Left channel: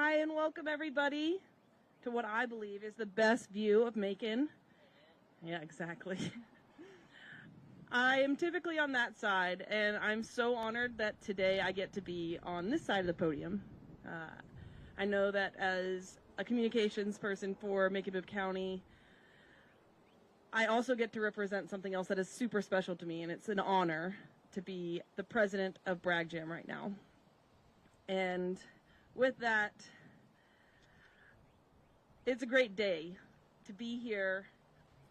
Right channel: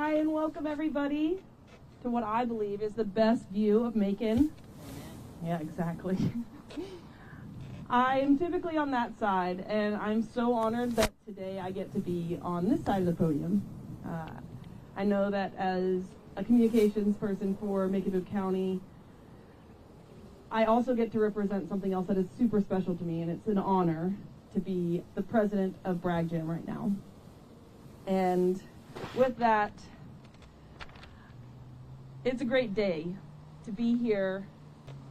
Hi and welcome everybody to what I believe is the best view of Macon. Yeah, exactly. I am typically on that side, and I'm so honored that today I get to be on this side of the podium. I know that as a communications person for Macon-Bibb County, I also get to represent something else that is super special to me, and it's an honor to be the president of Bragg Jam right now. And with that, it's a great day to be here.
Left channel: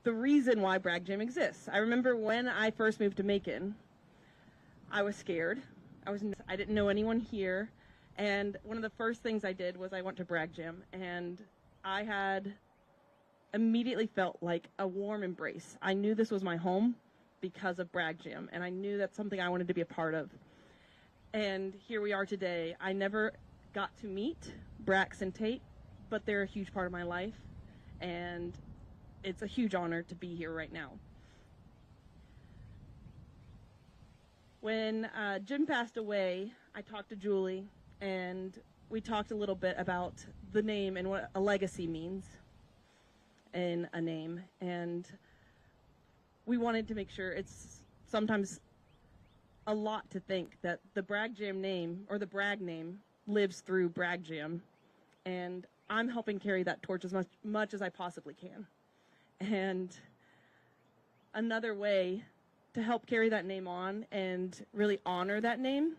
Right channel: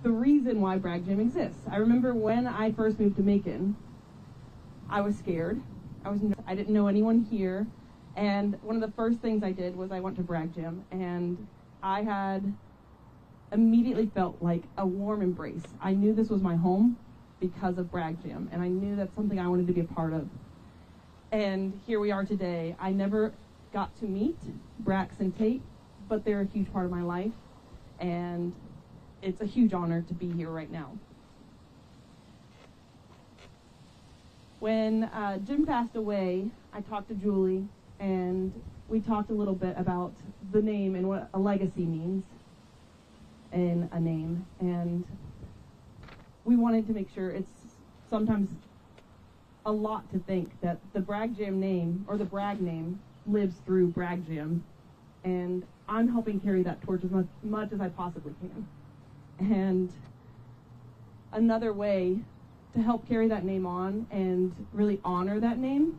The reason why Bragg Jam exists. I remember when I first moved to Macon, I was scared. I didn't know anyone here, and one of the first things I did was I went to Bragg Jam, and I had immediately felt like a warm embrace. I knew this was my home because of Bragg Jam, and I knew that's something I wanted to be a part of. And here we are today. I never got to meet Brax and Tate, but they're a huge part of my life, and it's a huge honor to be here right now. When Jim passed away, I talked to Julie, and we talked a little bit about the name and what a legacy means in a name. And we wanted to make sure, it's sometimes a lot to think that the Bragg Jam name, or the Bragg name, lives through Bragg Jam. And I'm helping carry that torch as much as I possibly can. And another way to help carry that name on and really honor that name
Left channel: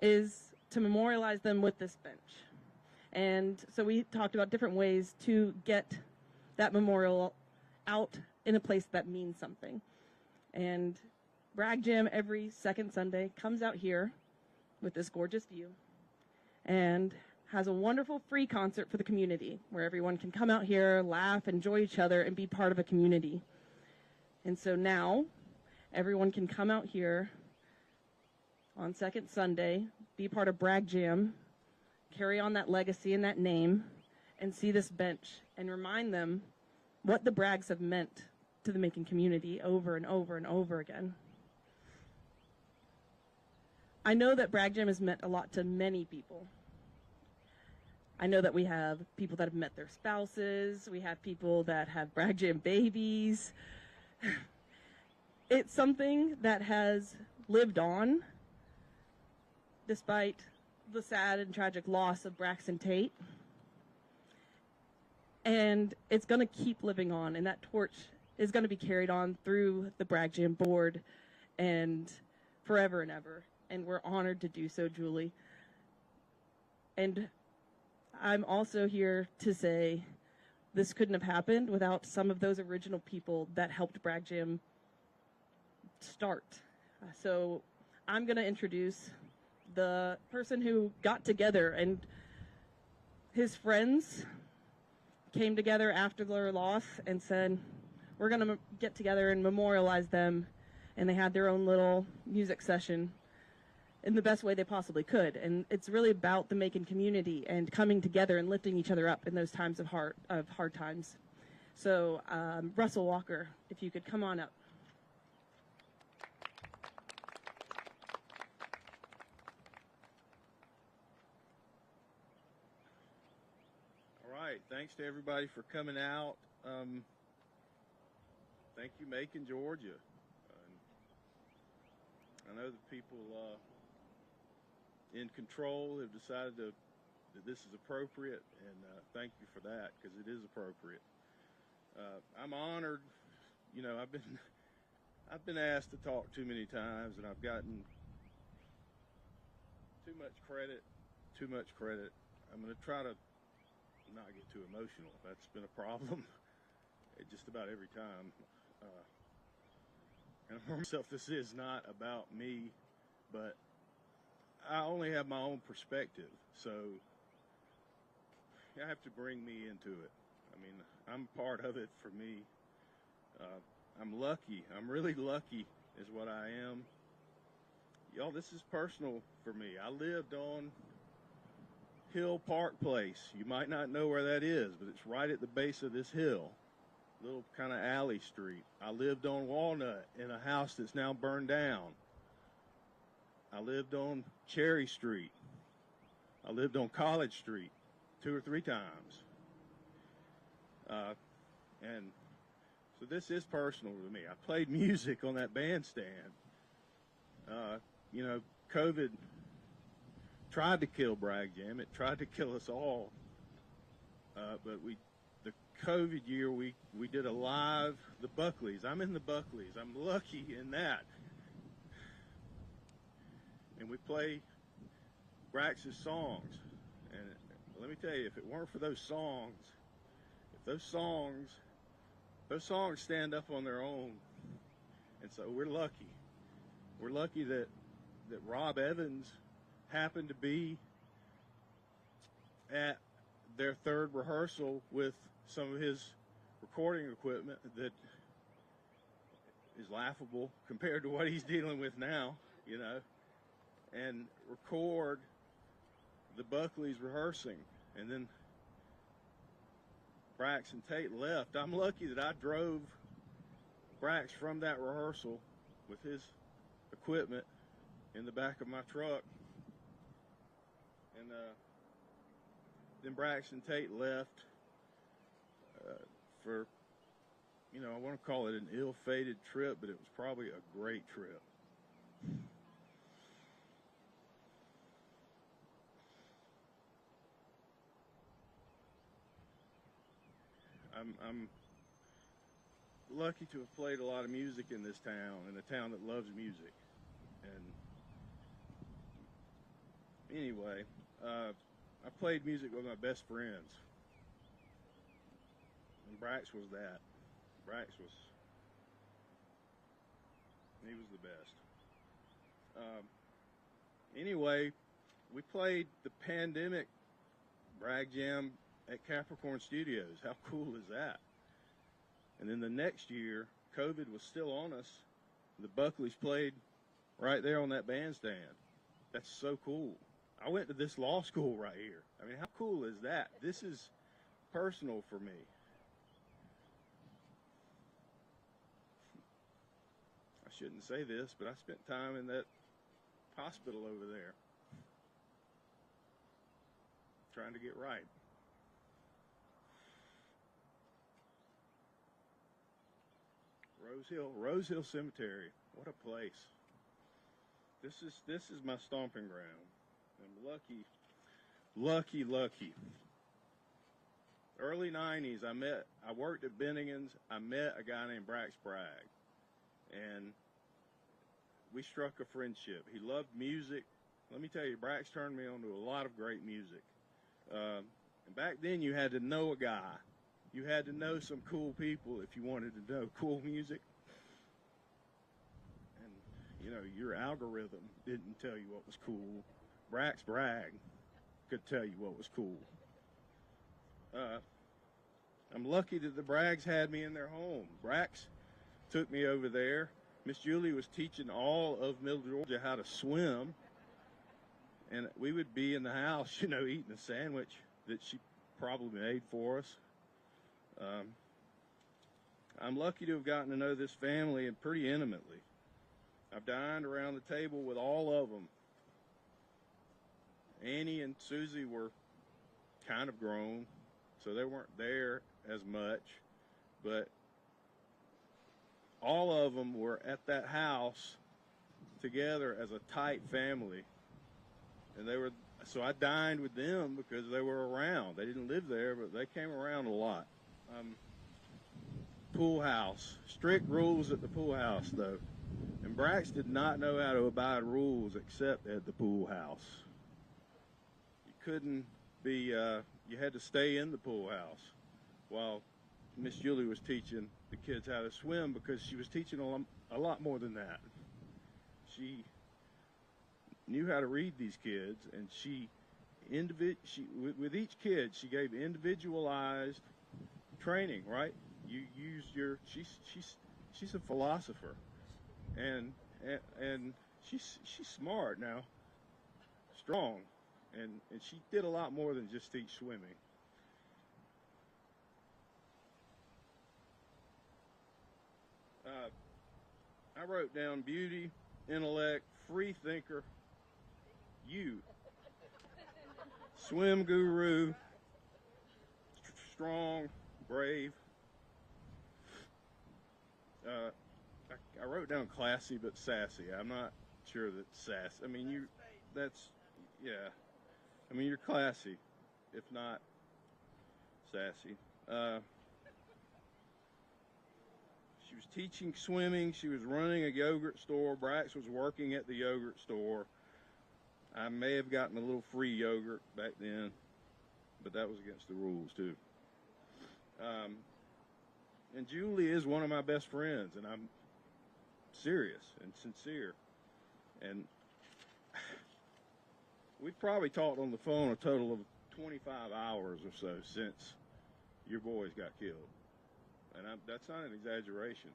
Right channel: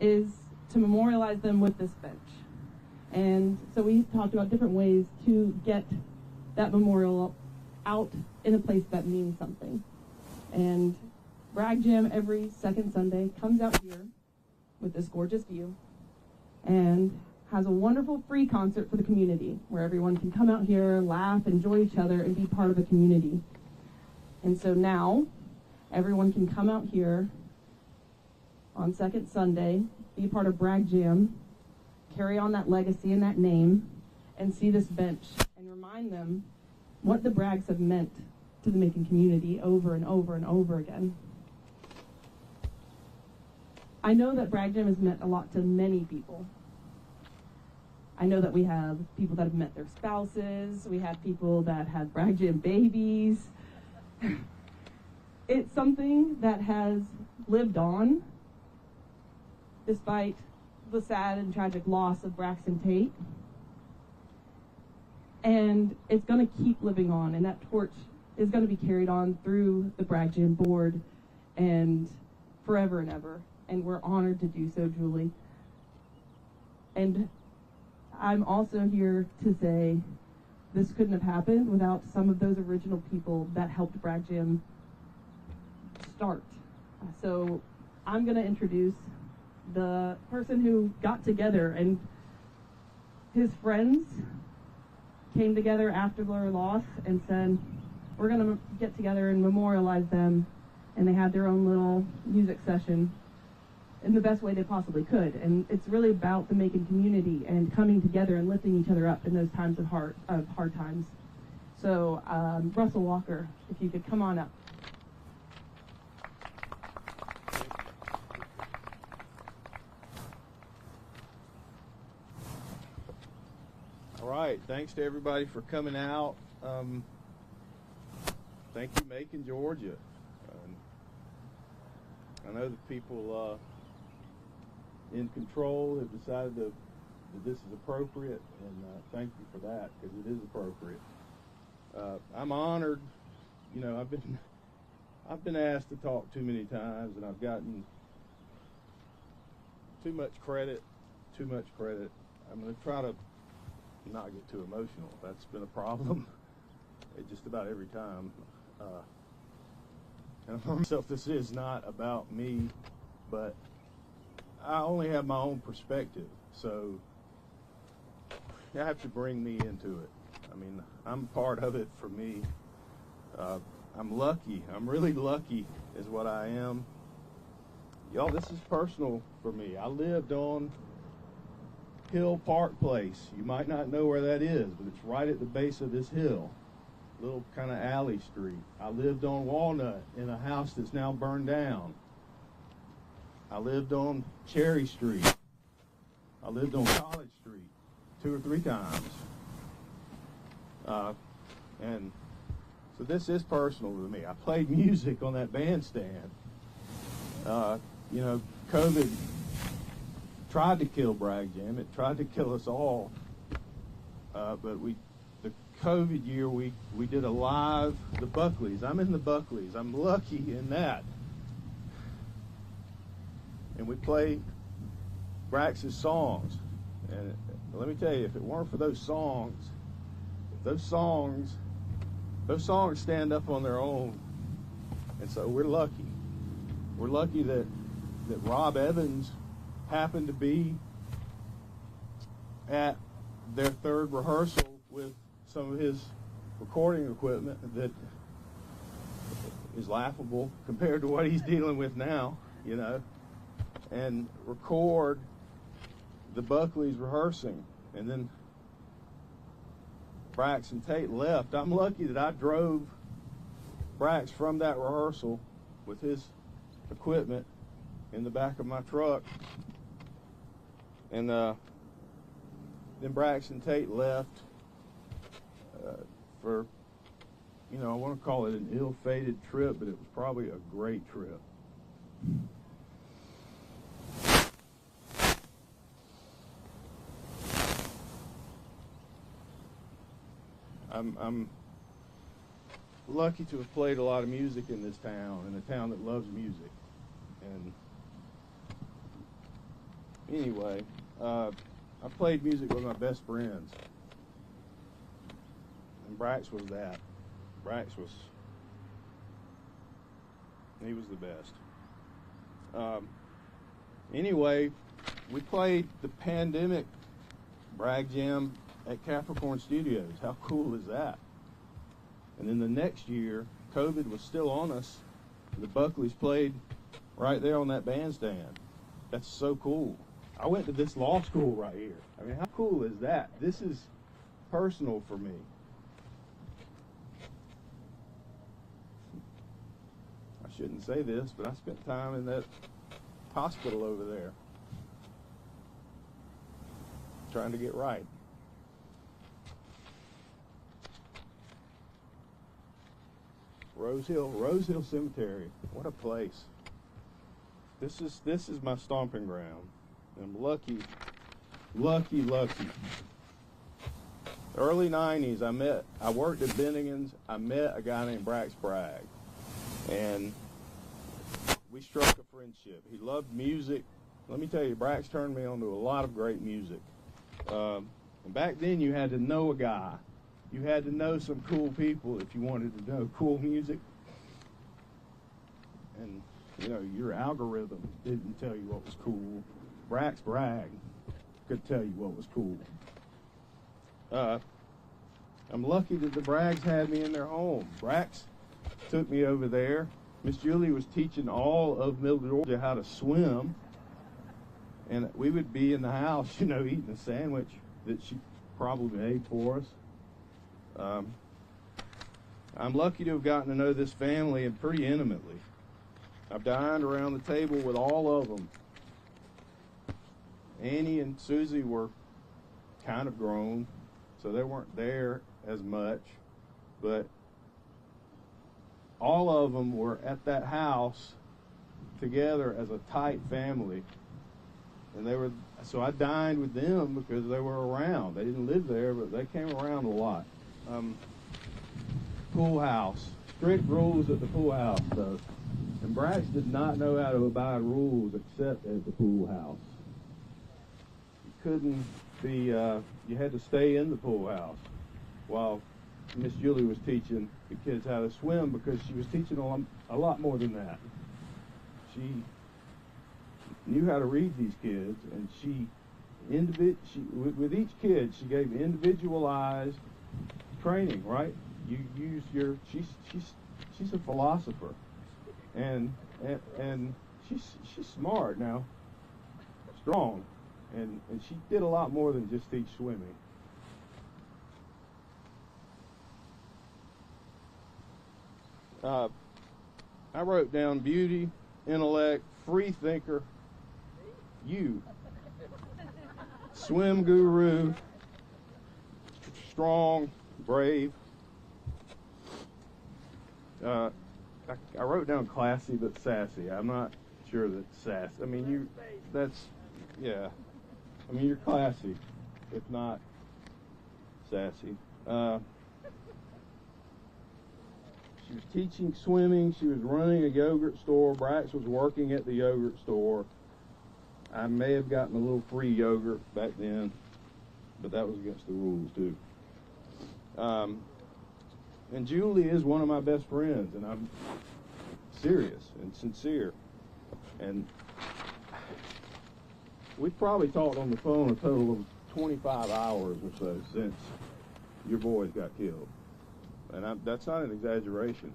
is to memorialize them with this bench. And so we talked about different ways to get that memorial out in a place that means something. And Bragg Jam every second Sunday comes out here with this gorgeous view and has a wonderful free concert for the community where everyone can come out here, laugh, enjoy each other, and be part of a community. And so now everyone can come out here on second Sunday, be part of Bragg Jam, carry on that legacy and that name, and see this bench and remind them what the Braggs have meant to the Macon community over and over and over again. I know that Bragg Jam has meant a lot to many people. I know that we have people that have met their spouses, we have people that have Bragg Jam babies. It's something that has lived on despite the sad and tragic loss of Brax and Tate. And it's going to keep living on, and that torch is going to be carried on through the Bragg Jam board and forever and ever. And we're honored to do so, Julie. And I'm also here to say this couldn't have happened without some of those original people that helped Bragg Jam start. So I'm going to introduce the person who got together, and his friends came together after their loss and said, we're going to get together and memorialize them. And they had their own little music session in the best way they possibly could. And it's really about the Macon community and coming together and lifting each other up in those times of hard times. So Russell Walker, if you could come on up. All right, thanks to everybody for coming out. Thank you, Macon, Georgia. I know the people in control have decided that this is appropriate, and thank you for that, because it is appropriate. I'm honored. You know, I've been asked to talk too many times, and I've gotten too much credit. I'm going to try to not get too emotional. That's been a problem just about every time. And for myself, this is not about me, but I only have my own perspective, so you have to bring me into it. I mean, I'm part of it for me. I'm lucky. I'm really lucky is what I am. Y'all, this is personal for me. I lived on Hill Park Place. You might not know where that is, but it's right at the base of this hill. Little kind of alley street. I lived on Walnut in a house that's now burned down. I lived on Cherry Street. I lived on College Street. 2 or 3 times. And so this is personal to me. I played music on that bandstand. You know, COVID tried to kill Bragg Jam. It tried to kill us all. But the COVID year, we did a live, the Buckleys. I'm in the Buckleys. I'm lucky in that. And we played Brax's songs. And let me tell you, if it weren't for those songs, those songs stand up on their own. And so we're lucky. We're lucky that Rob Evans happened to be at their 3rd rehearsal with some of his recording equipment that is laughable compared to what he's dealing with now, you know, and record the Buckleys rehearsing. And then Brax and Tate left. I'm lucky that I drove Brax from that rehearsal with his equipment in the back of my truck. And then Brax and Tate left for, you know, I want to call it an ill-fated trip, but it was probably a great trip. I'm lucky to have played a lot of music in this town, in a town that loves music. And anyway, I played music with my best friends, and Brax was that. He was the best. Anyway, we played the pandemic Bragg Jam at Capricorn Studios. How cool is that? And then the next year, COVID was still on us. The Buckleys played right there on that bandstand. That's so cool. I went to this law school right here. I mean, how cool is that? This is personal for me. I shouldn't say this, but I spent time in that hospital over there trying to get right. Rose Hill Cemetery. What a place. This is my stomping ground. I'm lucky. Early 90s, I worked at Bennigan's. I met a guy named Brax Bragg, and we struck a friendship. He loved music. Let me tell you, Brax turned me on to a lot of great music. And back then, you had to know a guy. You had to know some cool people if you wanted to know cool music. And, you know, your algorithm didn't tell you what was cool. Brax Bragg could tell you what was cool. I'm lucky that the Braggs had me in their home. Brax took me over there. Miss Julie was teaching all of Middle Georgia how to swim. And we would be in the house, you know, eating a sandwich that she probably made for us. I'm lucky to have gotten to know this family and pretty intimately. I've dined around the table with all of them. Annie and Susie were kind of grown, so they weren't there as much, but all of them were at that house together as a tight family. And so I dined with them because they were around. They didn't live there, but they came around a lot. Pool house. Strict rules at the pool house, though. And Brax did not know how to abide rules except at the pool house. You couldn't be, you had to stay in the pool house while Miss Julie was teaching the kids how to swim, because she was teaching a lot more than that. She knew how to read these kids, and with each kid, she gave individualized training, right? You use she's a philosopher, and she's smart now, strong, and she did a lot more than just teach swimming. I wrote down beauty, intellect, free thinker, you, swim guru, strong, brave. I wrote down classy but sassy. I'm not sure that sass. I mean, yeah. I mean, you're classy, if not sassy. She was teaching swimming. She was running a yogurt store. Brax was working at the yogurt store. I may have gotten a little free yogurt back then, but that was against the rules too. And Julie is one of my best friends, and I'm serious and sincere. And we've probably talked on the phone a total of 25 hours or so since your boys got killed. And that's not an exaggeration.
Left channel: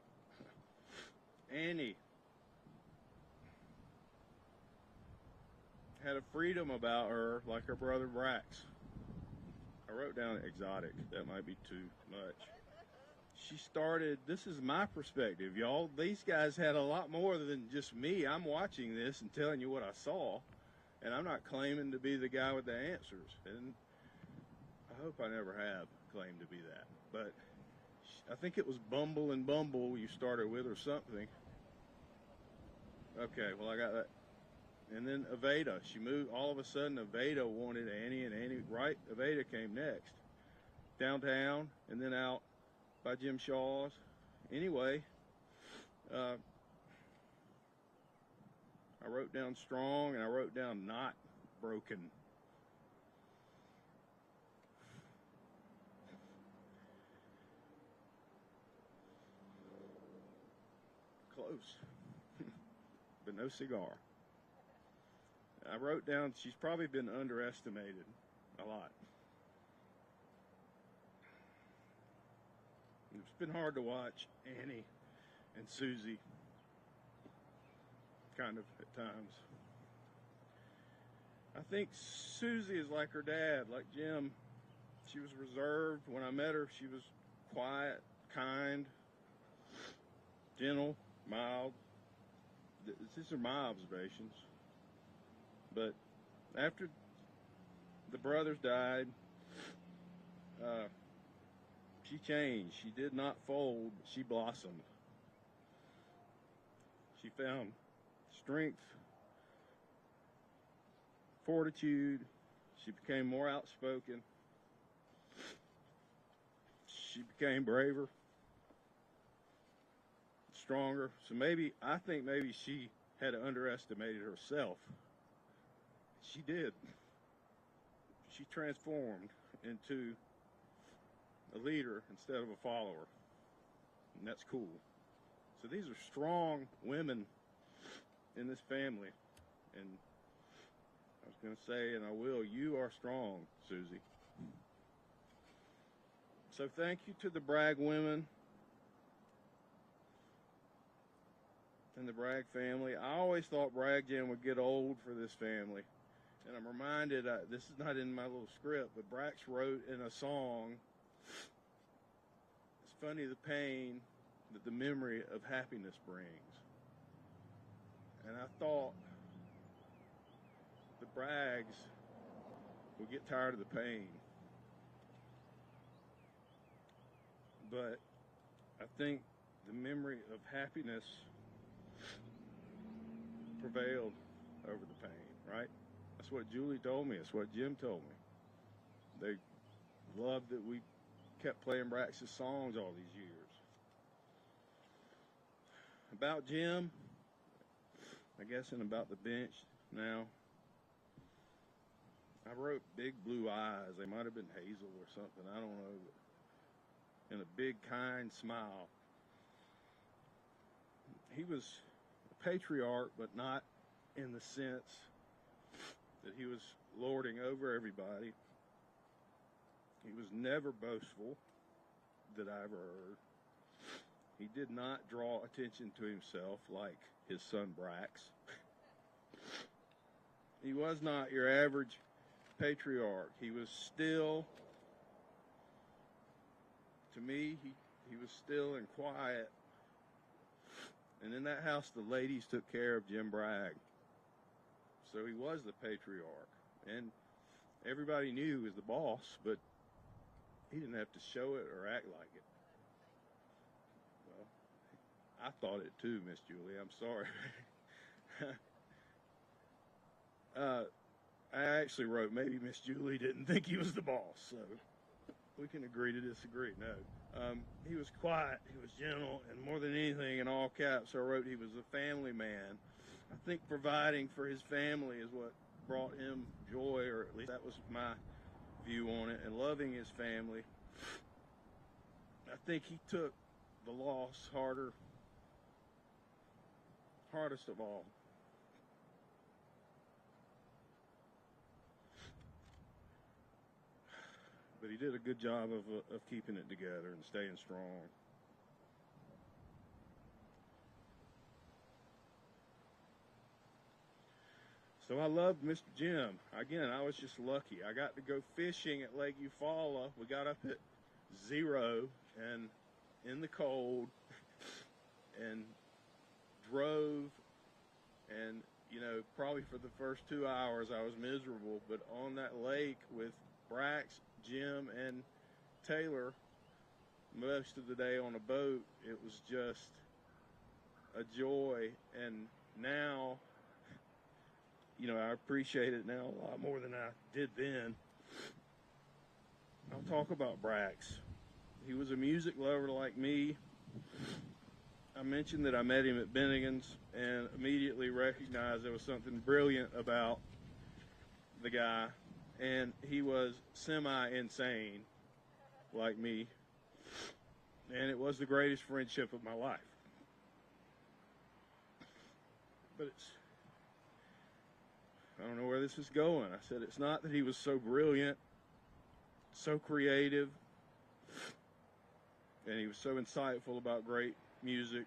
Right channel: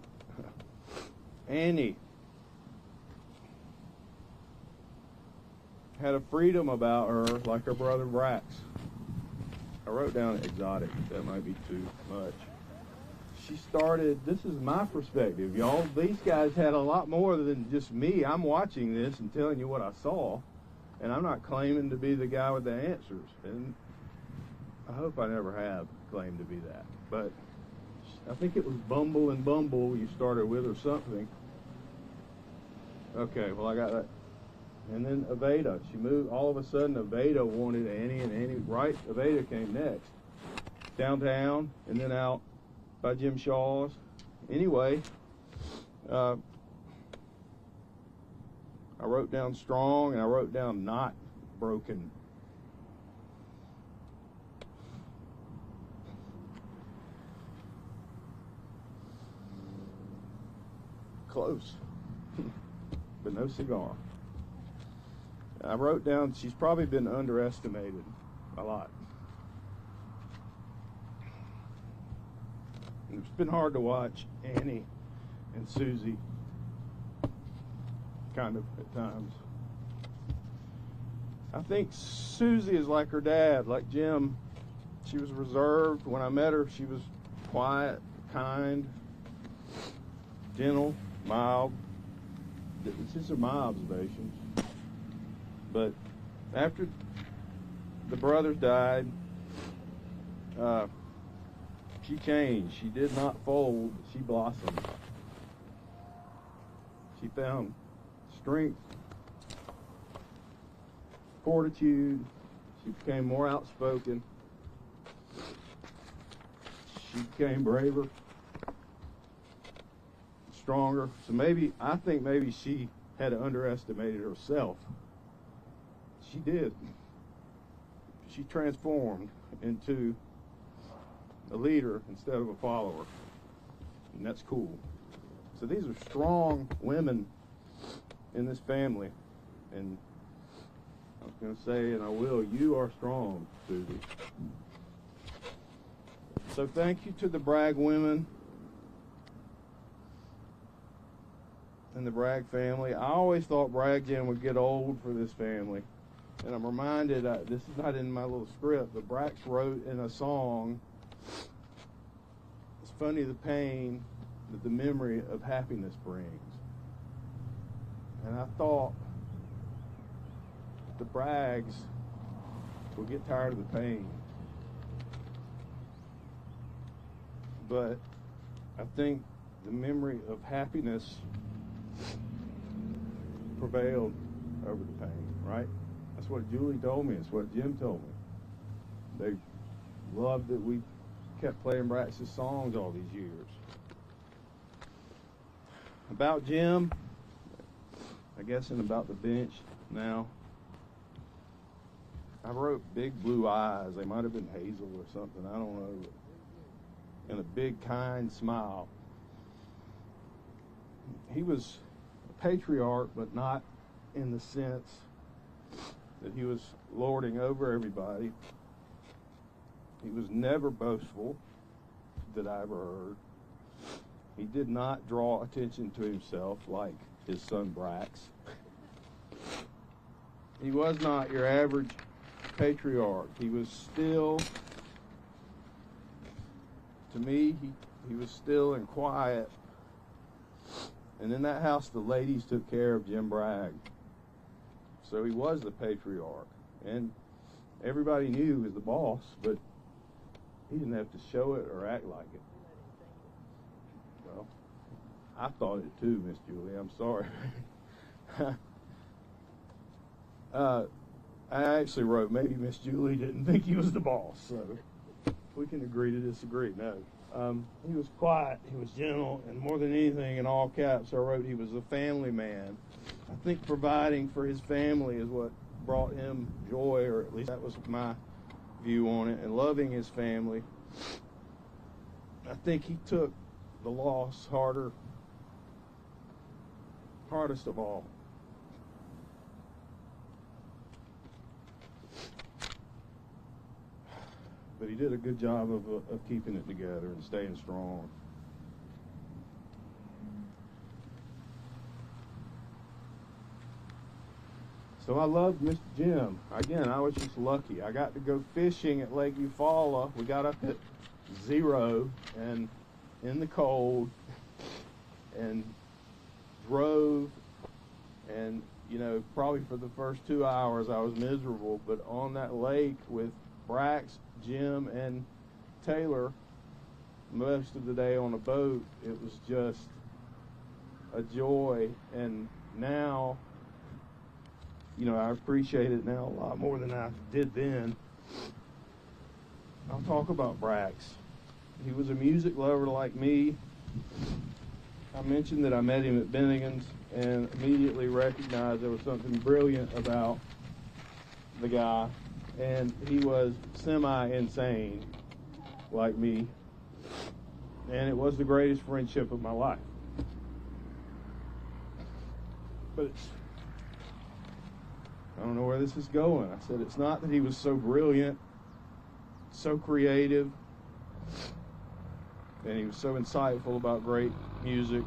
Annie had a freedom about her like her brother Brax. I wrote down exotic. That might be too much. She started, this is my perspective, y'all. These guys had a lot more than just me. I'm watching this and telling you what I saw, and I'm not claiming to be the guy with the answers. And I hope I never have claimed to be that. But I think it was Bumble and Bumble you started with or something. Okay, well, I got that. And then Aveda. She moved, all of a sudden Aveda wanted Annie, and Annie, right, Aveda came next. Downtown, and then out by Jim Shaw's. Anyway, I wrote down strong, and I wrote down not broken. Close, but no cigar. I wrote down she's probably been underestimated a lot. It's been hard to watch Annie and Susie, kind of at times. I think Susie is like her dad, like Jim. She was reserved. When I met her, she was quiet, kind, gentle, mild. These are my observations. But after the brothers died, she changed. She did not fold. She blossomed. She found strength, fortitude. She became more outspoken. She became braver, stronger. So I think maybe she had underestimated herself. She did. She transformed into a leader instead of a follower. And that's cool. So these are strong women in this family. And I was going to say, and I will, you are strong, Susie. So thank you to the Bragg women and the Bragg family. I always thought Bragg Jam would get old for this family. And I'm reminded, this is not in my little script, but Brax wrote in a song, it's funny the pain that the memory of happiness brings. And I thought the Braggs will get tired of the pain. But I think the memory of happiness prevailed over the pain, right? That's what Julie told me. It's what Jim told me. They loved that we kept playing Brax's songs all these years. About Jim, I guess, and about the bench now, I wrote big blue eyes. They might have been hazel or something. I don't know. And a big, kind smile. He was a patriarch, but not in the sense that he was lording over everybody. He was never boastful, that I ever heard. He did not draw attention to himself like his son Brax. He was not your average patriarch. He was still, to me, he was still and quiet. And in that house, the ladies took care of Jim Bragg. So he was the patriarch. And everybody knew he was the boss, but He didn't have to show it or act like it. Well, I thought it too, Miss Julie. I'm sorry. I actually wrote, maybe Miss Julie didn't think he was the boss, so we can agree to disagree. No. He was quiet, he was gentle, and more than anything, in all caps, I wrote he was a family man. I think providing for his family is what brought him joy, or at least that was my view on it, and loving his family. I think he took the loss hardest of all. But he did a good job of keeping it together and staying strong. So I loved Mr. Jim. Again, I was just lucky. I got to go fishing at Lake Eufaula. We got up at 0 and in the cold and drove, and you know, probably for the first 2 hours I was miserable, but on that lake with Brax, Jim, and Taylor most of the day on a boat, it was just a joy. And now, you know, I appreciate it now a lot more than I did then. I'll talk about Brax. He was a music lover like me. I mentioned that I met him at Bennigan's and immediately recognized there was something brilliant about the guy. And he was semi-insane like me. And it was the greatest friendship of my life. But I don't know where this is going. I said it's not that he was so brilliant, so creative, and he was so insightful about great music.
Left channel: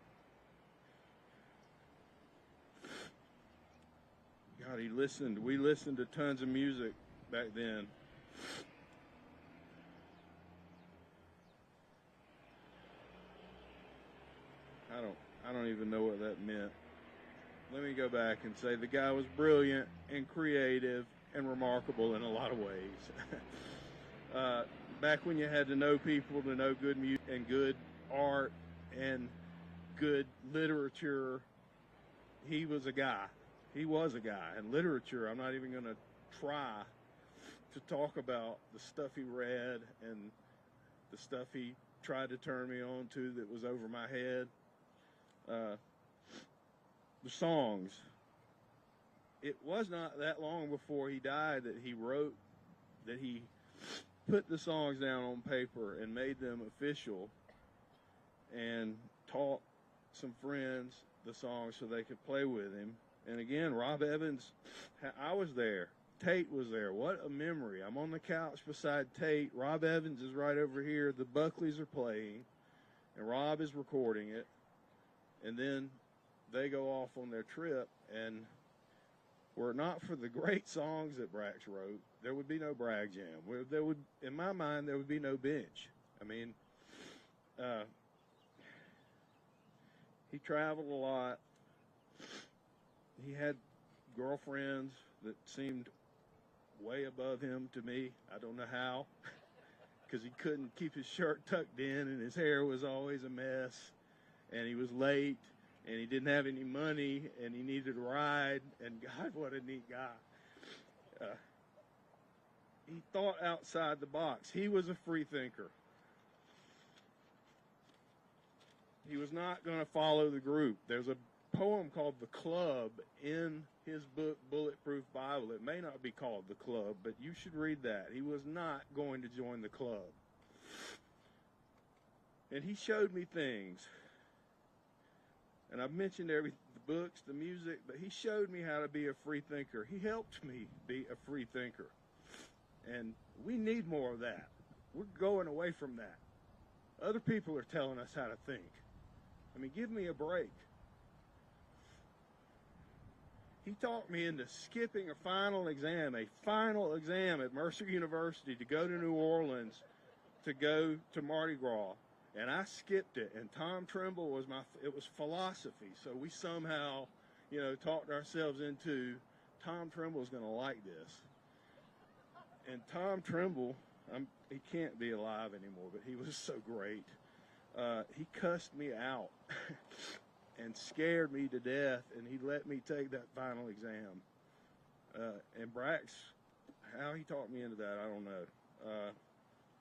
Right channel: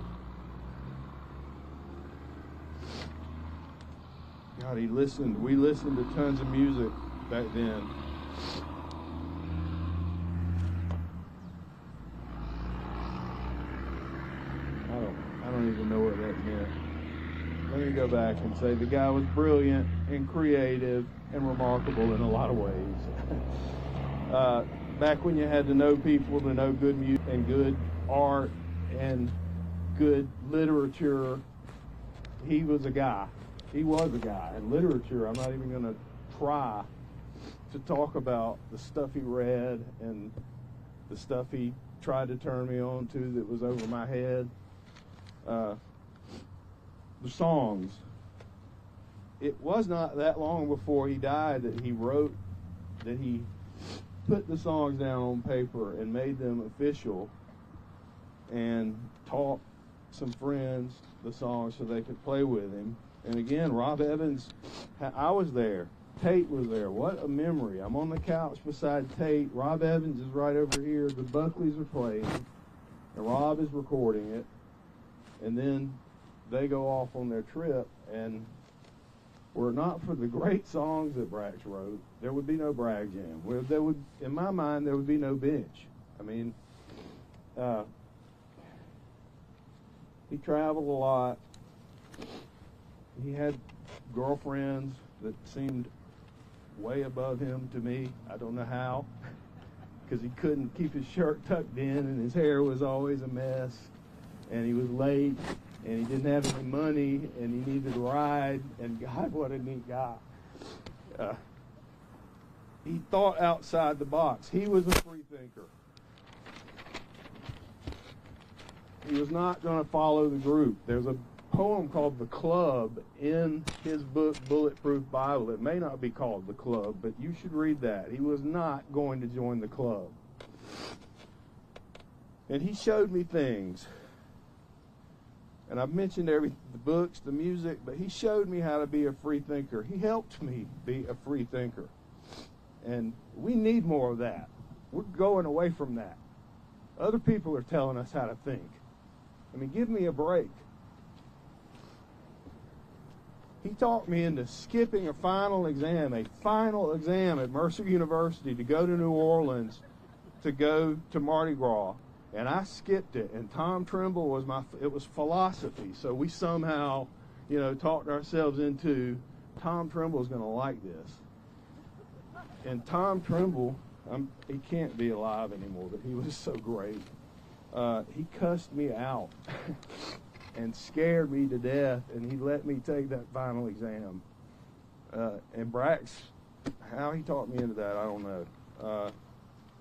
God, we listened to tons of music back then. I don't even know what that meant. Let me go back and say the guy was brilliant and creative and remarkable in a lot of ways. Back when you had to know people to know good music and good art and good literature, he was a guy. He was a guy. And literature, I'm not even going to try to talk about the stuff he read and the stuff he tried to turn me on to that was over my head. The songs. It was not that long before he died that he put the songs down on paper and made them official and taught some friends the songs so they could play with him. And again, Rob Evans, I was there. Tate was there. What a memory. I'm on the couch beside Tate. Rob Evans is right over here. The Buckleys are playing, and Rob is recording it. And then they go off on their trip, and were it not for the great songs that Brax wrote, there would be no Bragg Jam. There would, in my mind, there would be no bench. I mean, he traveled a lot. He had girlfriends that seemed way above him to me. I don't know how, because he couldn't keep his shirt tucked in, and his hair was always a mess, and he was late, and he didn't have any money, and he needed a ride, and God, what a neat guy. He thought outside the box. He was a free thinker. He was not going to follow the group. There's a poem called The Club in his book, Bulletproof Bible. It may not be called The Club, but you should read that. He was not going to join the club. And he showed me things. And I've mentioned the books, the music, but he showed me how to be a free thinker. He helped me be a free thinker. And we need more of that. We're going away from that. Other people are telling us how to think. I mean, give me a break. He talked me into skipping a final exam at Mercer University to go to New Orleans to go to Mardi Gras. And I skipped it, and Tom Trimble was it was philosophy. So we somehow, talked ourselves into Tom Trimble's going to like this. And Tom Trimble, he can't be alive anymore, but he was so great. He cussed me out and scared me to death, and he let me take that final exam. And Brax, how he talked me into that, I don't know.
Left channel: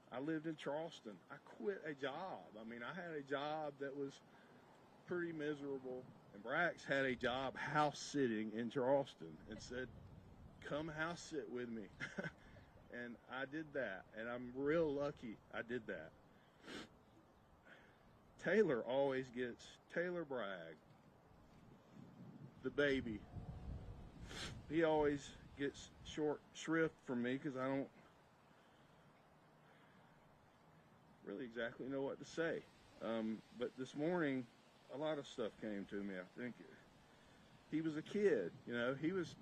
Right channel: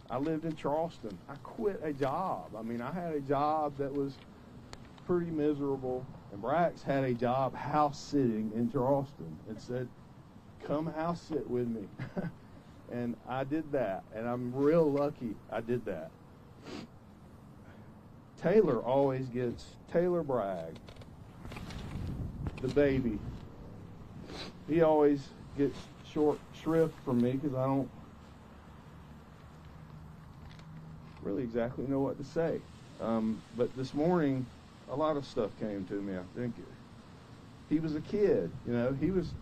I lived in Charleston. I quit a job. I mean, I had a job that was pretty miserable, and Brax had a job house sitting in Charleston and said, come house sit with me. And I did that, and I'm real lucky I did that. Taylor always gets, Taylor Bragg, the baby, he always gets short shrift from me because I don't really exactly know what to say. But this morning, a lot of stuff came to me. I think he was a kid, you know. He was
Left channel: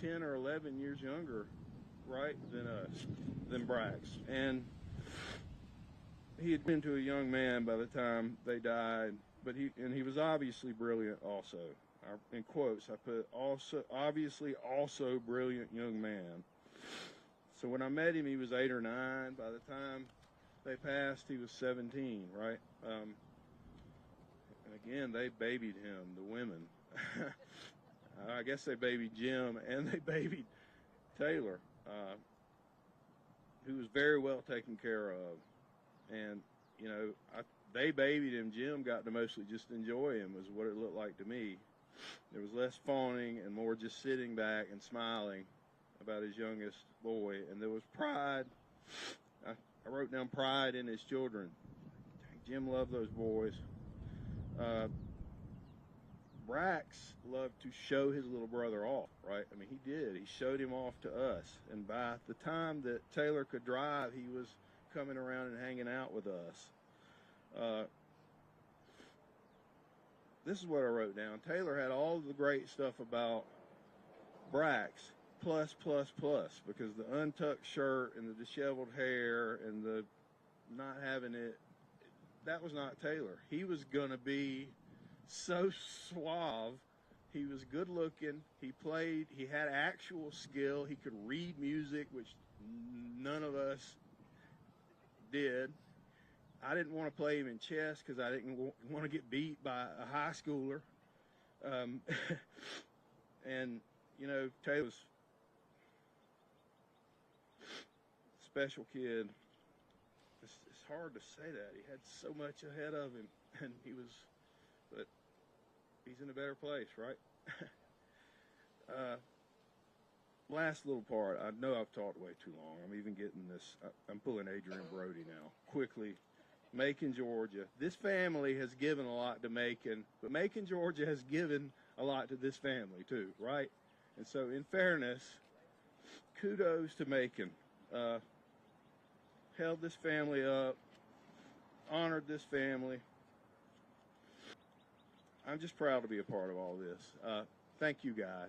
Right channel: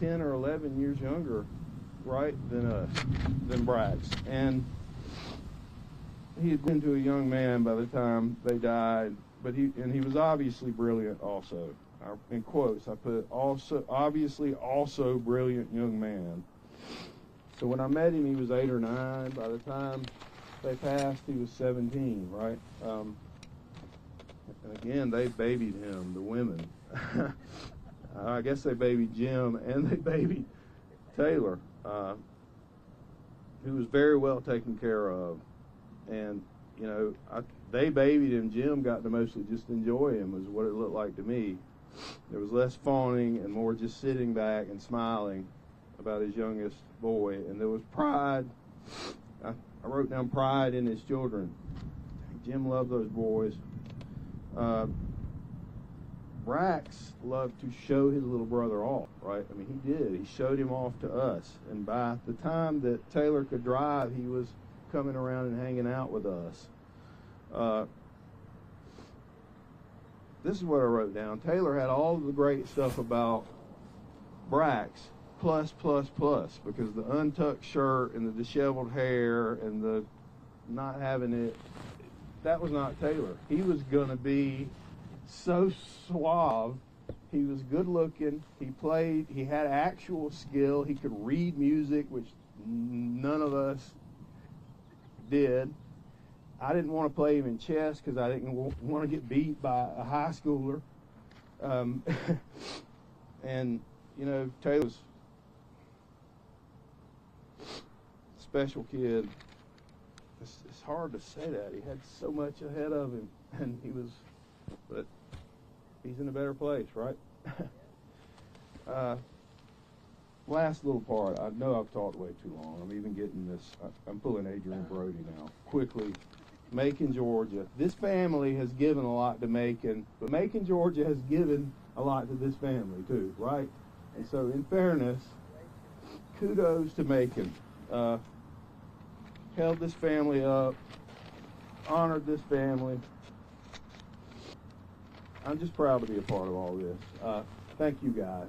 10 or 11 years younger, right, than Brax, and he had been to a young man by the time they died. But he was obviously brilliant also. In quotes, I put also obviously also brilliant young man. So when I met him, he was 8 or 9. By the time they passed, he was 17, right? And again, they babied him, the women. I guess they babied Jim, and they babied Taylor, who was very well taken care of. And, you know, they babied him. Jim got to mostly just enjoy him, is what it looked like to me. There was less fawning and more just sitting back and smiling about his youngest boy. And there was pride. I wrote down pride in his children. Jim loved those boys. Brax loved to show his little brother off, right? I mean, he did. He showed him off to us. And by the time that Taylor could drive, he was coming around and hanging out with us. This is what I wrote down. Taylor had all of the great stuff about Brax, plus, because the untucked shirt and the disheveled hair and the not having it, that was not Taylor. He was going to be so suave. He was good looking. He played. He had actual skill. He could read music, which none of us did. I didn't want to play him in chess because I didn't want to get beat by a high schooler. And, you know, Taylor's a special kid. It's hard to say that. He had so much ahead of him, and but he's in a better place, right? Last little part. I know I've talked way too long. I'm even getting this. I'm pulling Adrian Brody now. Quickly. Macon, Georgia. This family has given a lot to Macon, but Macon, Georgia has given a lot to this family too, right? And so, in fairness, kudos to Macon. Held this family up, honored this family. I'm just proud to be a part of all this. Thank you, guys.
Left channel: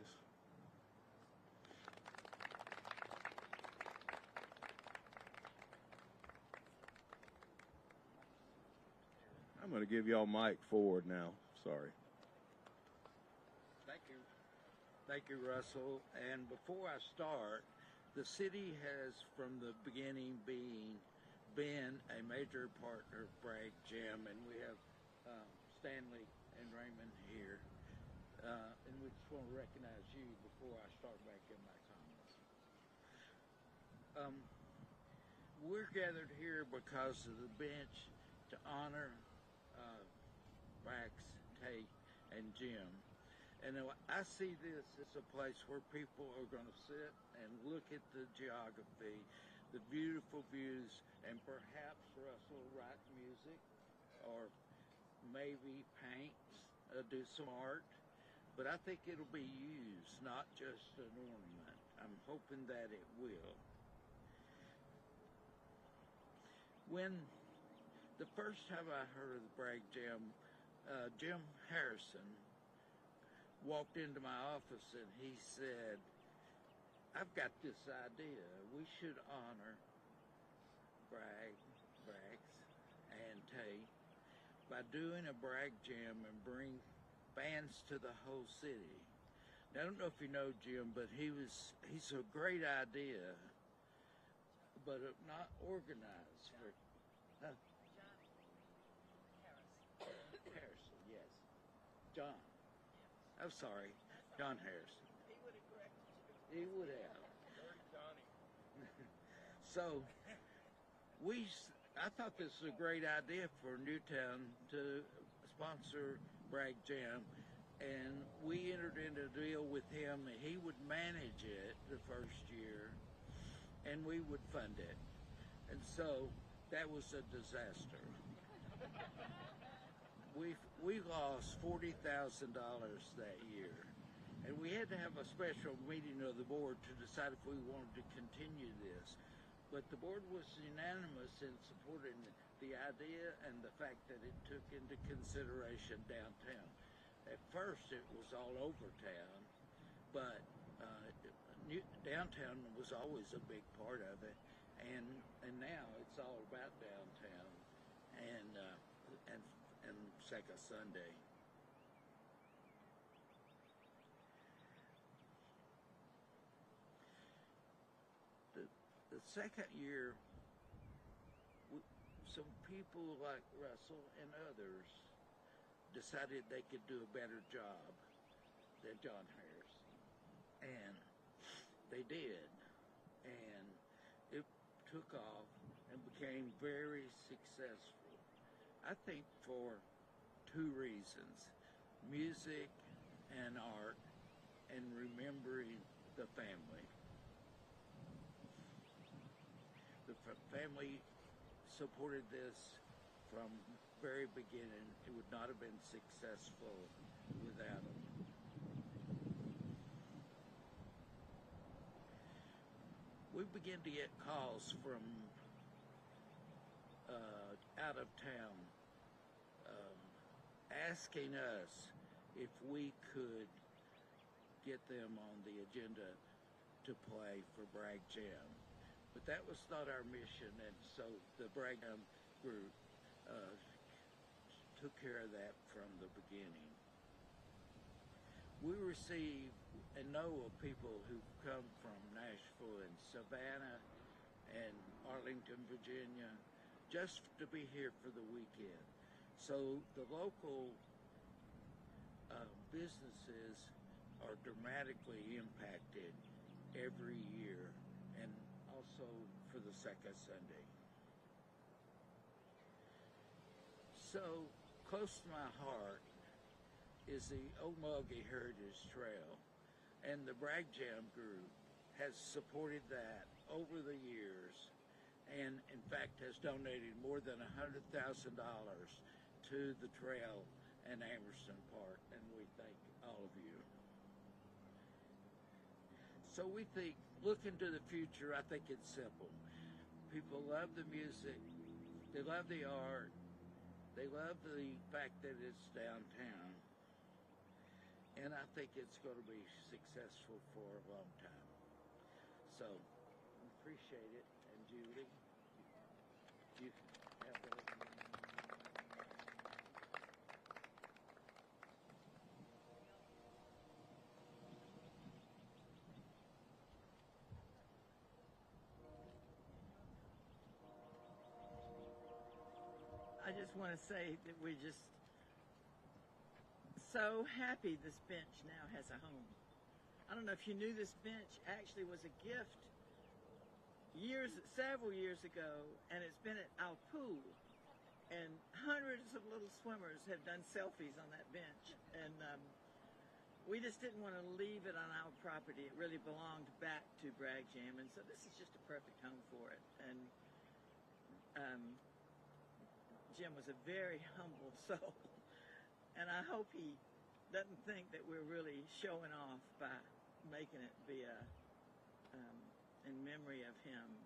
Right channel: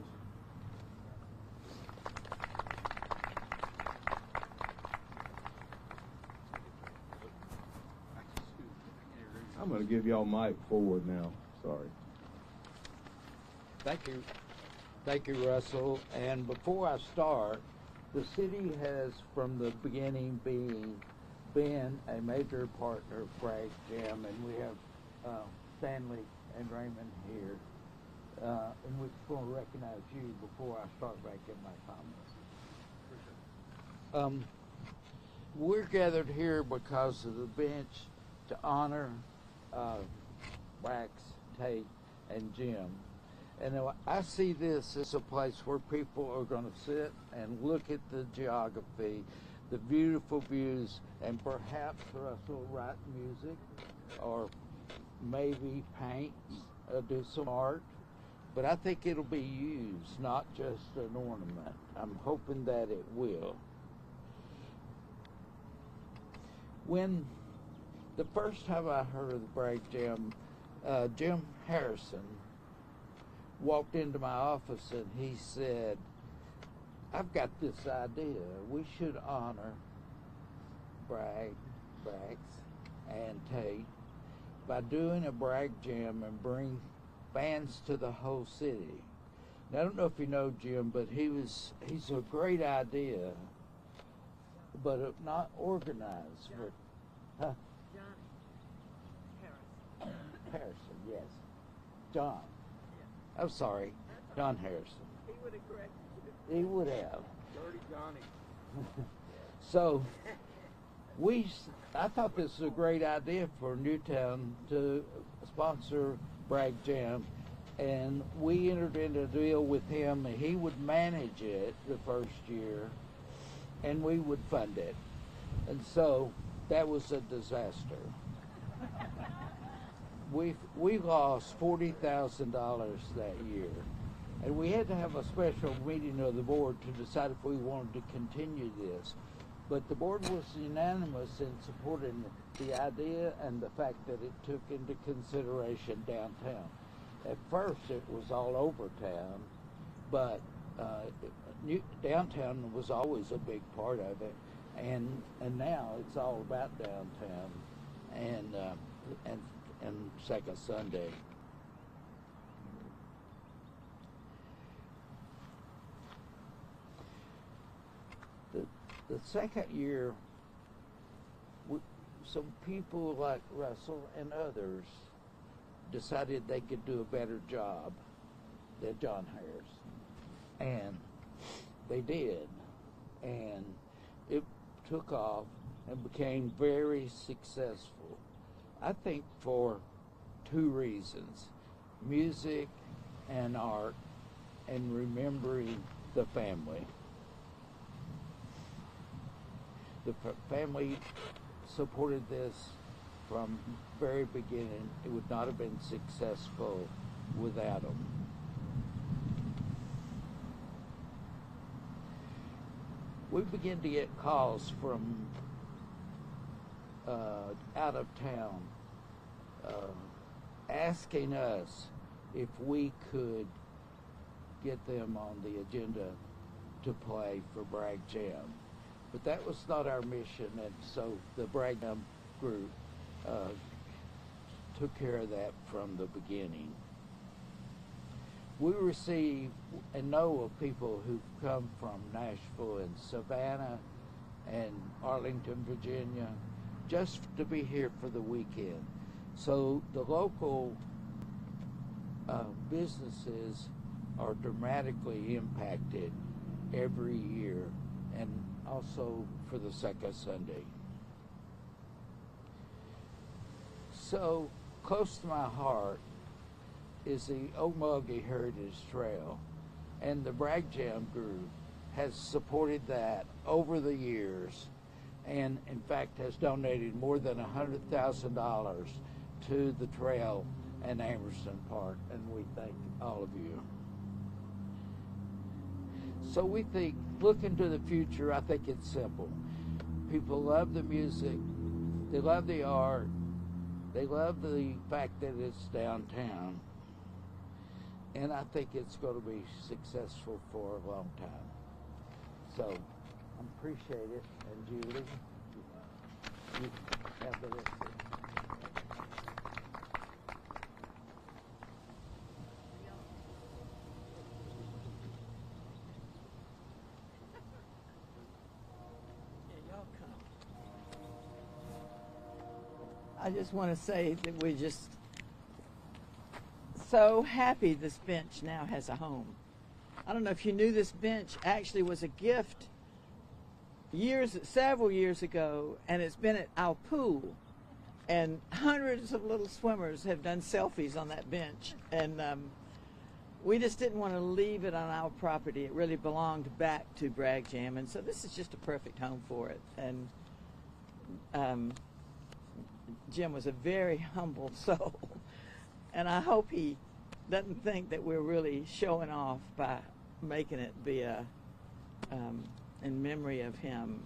I'm going to give y'all mic forward now. Sorry. Thank you. Thank you, Russell. And before I start, the city has, from the beginning, been a major partner of Bragg Jam, and we have Stanley and Raymond here. And we're going to recognize you before I start making my comments. We're gathered here because of the bench to honor Brax, Tate, and Jim. And I see this as a place where people are going to sit and look at the geography, the beautiful views, and perhaps Russell write music or maybe paint, do some art. But I think it'll be used, not just an ornament. I'm hoping that it will. When the first time I heard of the Bragg Jam, Jim Harrison walked into my office and he said, I've got this idea. We should honor Bragg, Brax, and Tate by doing a Bragg Jam and bring bands to the whole city. Now, I don't know if you know Jim, but he's a great idea. but not organized. John. Huh? Johnny Harrison. Harrison, yes. John. Yeah. I'm sorry, John Harrison. He would have corrected you. He would have. Dirty Johnny. So I thought this was a great idea for Newtown to sponsor Bragg Jam, and we entered into a deal with him, and he would manage it the first year, and we would fund it. And so that was a disaster. We lost $40,000 that year, and we had to have a special meeting of the board to decide if we wanted to continue this. But the board was unanimous in supporting the idea and the fact that it took into consideration downtown. At first, it was all over town, but downtown was always a big part of it, and now it's all about downtown and Second Sunday. The second year, some people like Russell and others decided they could do a better job than John Harris. And they did. And it took off and became very successful. I think for two reasons: music and art, and remembering the family. The family supported this from very beginning. It would not have been successful without them. We began to get calls from out of town asking us if we could get them on the agenda to play for Bragg Jam. But that was not our mission, and so the Bragg Jam group took care of that from the beginning. We receive and know of people who've come from Nashville and Savannah and Arlington, Virginia, just to be here for the weekend. So the local businesses are dramatically impacted every year, and also for the second Sunday. So close to my heart is the Okmulgee Heritage Trail, and the Bragg Jam group has supported that over the years, and in fact has donated more than $100,000 to the trail and Amerson Park, and we thank all of you. So we think, look into the future. I think it's simple. People love the music, they love the art, they love the fact that it's downtown, and I think it's going to be successful for a long time. So I appreciate it. And Julie, you have the rest of it. I just want to say that we're just so happy this bench now has a home. I don't know if you knew this bench actually was a gift several years ago, and it's been at our pool, and hundreds of little swimmers have done selfies on that bench, and we just didn't want to leave it on our property. It really belonged back to Bragg Jam, and so this is just a perfect home for it. And Jim was a very humble soul, and I hope he doesn't think that we're really showing off by making it be in memory of him,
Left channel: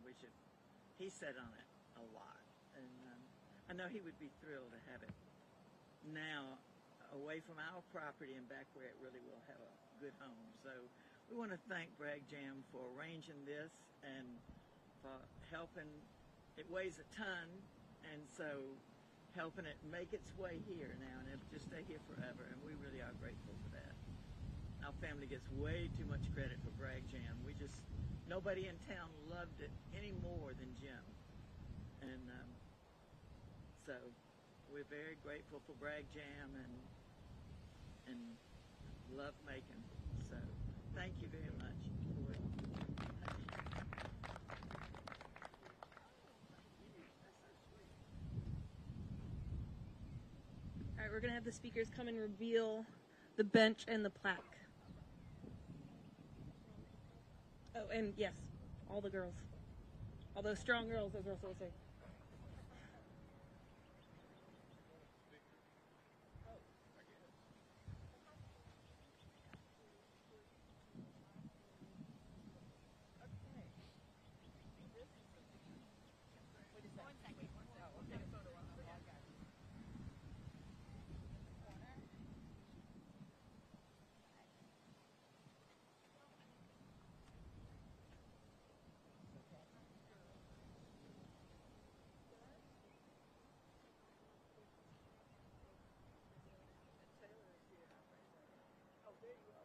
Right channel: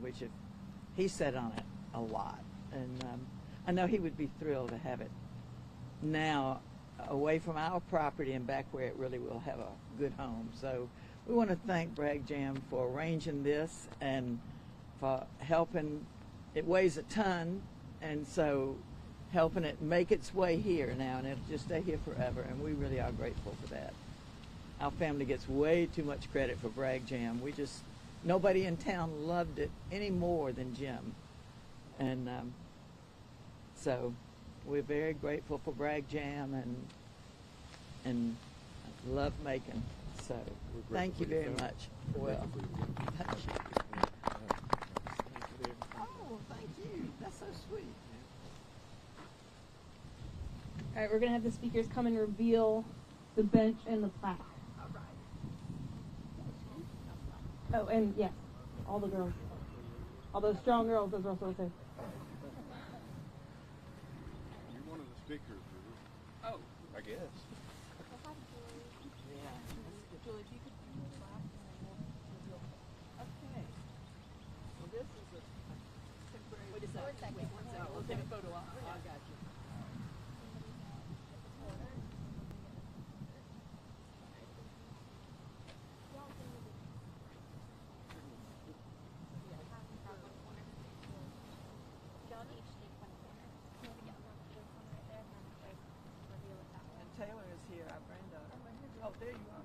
which he sat on it a lot, and I know he would be thrilled to have it now away from our property and back where it really will have a good home. So we want to thank Bragg Jam for arranging this and for helping. It weighs a ton, and so helping it make its way here now, and it'll just stay here forever, and we really are grateful for that. Our family gets way too much credit for Bragg Jam. We just nobody in town loved it any more than Jim. And so we're very grateful for Bragg Jam and love Macon. So thank you very much. Well, thank you. Oh, thank you. That's so sweet. All right, we're going to have the speakers come and reveal the bench and the plaque. Oh, and yes, all the girls. All those strong girls, those girls over there. You're one of the speakers, oh, I guess. Julie, if you could bring the plaque and then we'll reveal. Okay. Well, this is a temporary. Wait a second. Wait 1 second. We'll take a photo. I got you. And Taylor is here, our granddaughter. Oh, there you are.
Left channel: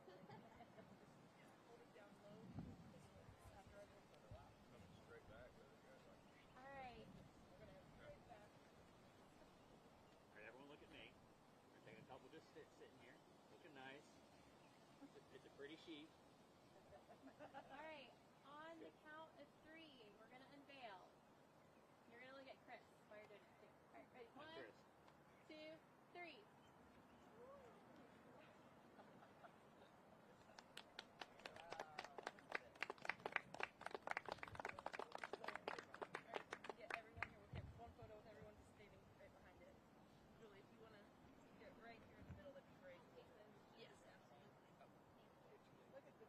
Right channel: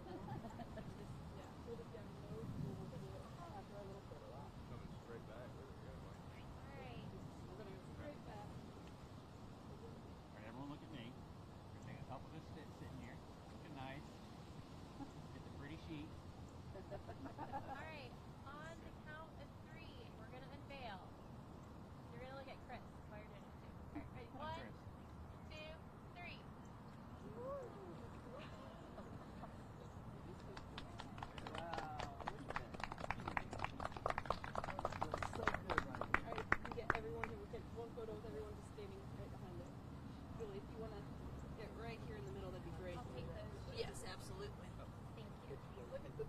Alright, everyone look at me. We're taking a couple just sitting here. Looking nice. It's a pretty sheet. Alright, on the count of 3, we're going to unveil. You're going to look at Chris while you're doing it too. Alright, ready? 1, 2, 3. Alright, you get everyone here. We'll take one photo with everyone just standing right behind it. Julie, if you want to get right here in the middle, that'd be great. I'll take those. Yes, absolutely. Thank you. Look at the